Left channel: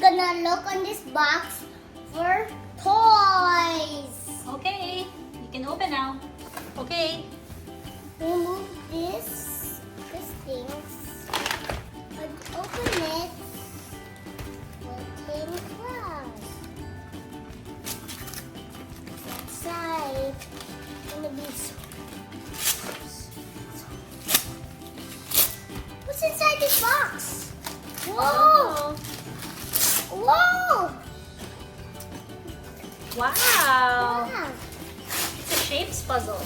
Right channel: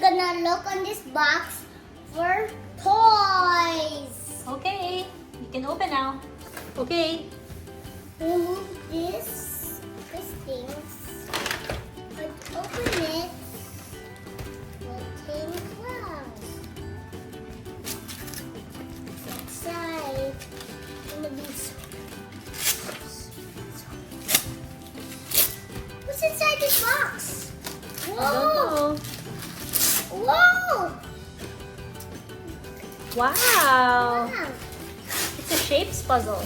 gonna look on this box for toys. Okay, you can open now. Okay. Remove this thing. And open it. Okay, wow. Outside. What's inside this box? Whoa! Whoa! Wow. Wow. It's a shapes puzzle.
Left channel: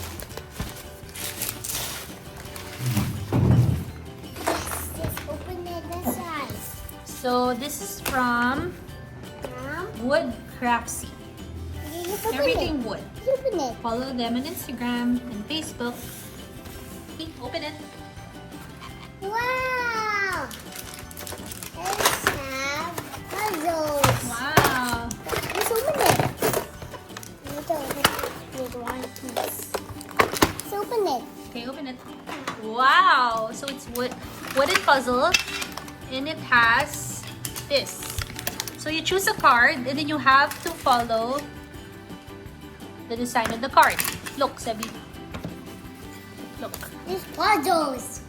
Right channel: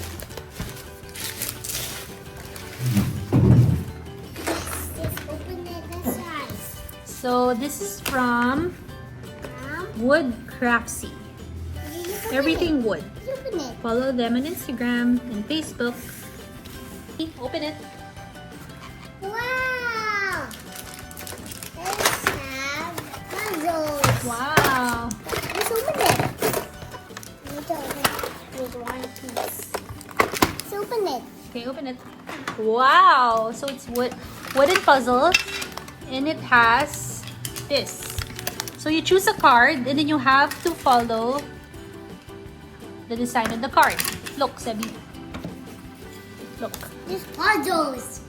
Let's open it inside. So this is from Wood Craftsy. Everything wood. Open it. Follow them on Instagram and Facebook. Open it. Wow! Let's have puzzles. Wow. Let's open it. With one piece. Let's open it. Okay, open it. Wow. So it's wooden puzzle, and it has this. So you choose a card, and then you have to follow the design on the card. Look, Sebi. Look. These puzzles.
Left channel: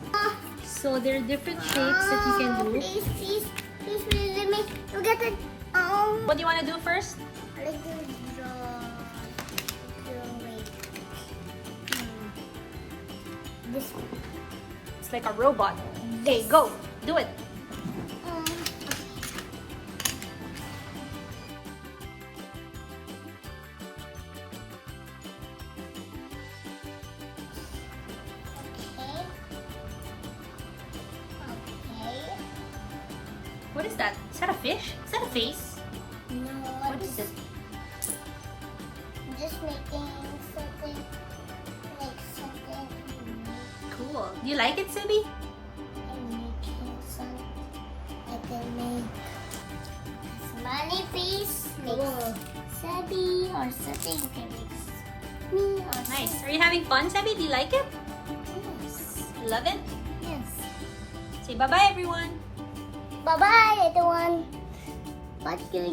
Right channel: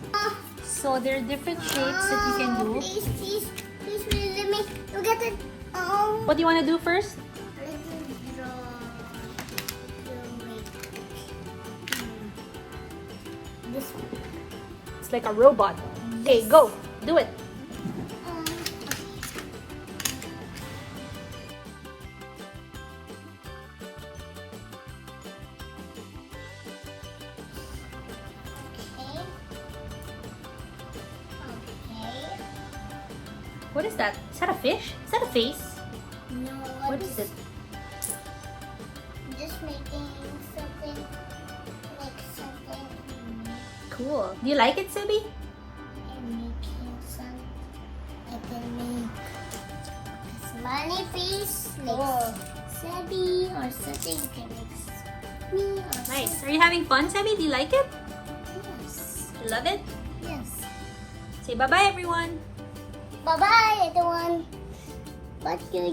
So there are different shapes that you can do. Please, let me look at it. What do you want to do first? Let's draw. This one. It's like a robot. Okay, go. Do it. What is that? Is that a fish? Is that a face? No, What is it? Just making something like something. Cool. Do you like it, Sebi? I'm making some. I can make money face. Sebi or something. You can make me or Nice. Are you having fun, Sebi? Do you like it? Yes. Love it? Yes. Say bye-bye, everyone. Bye bye, everyone. What's your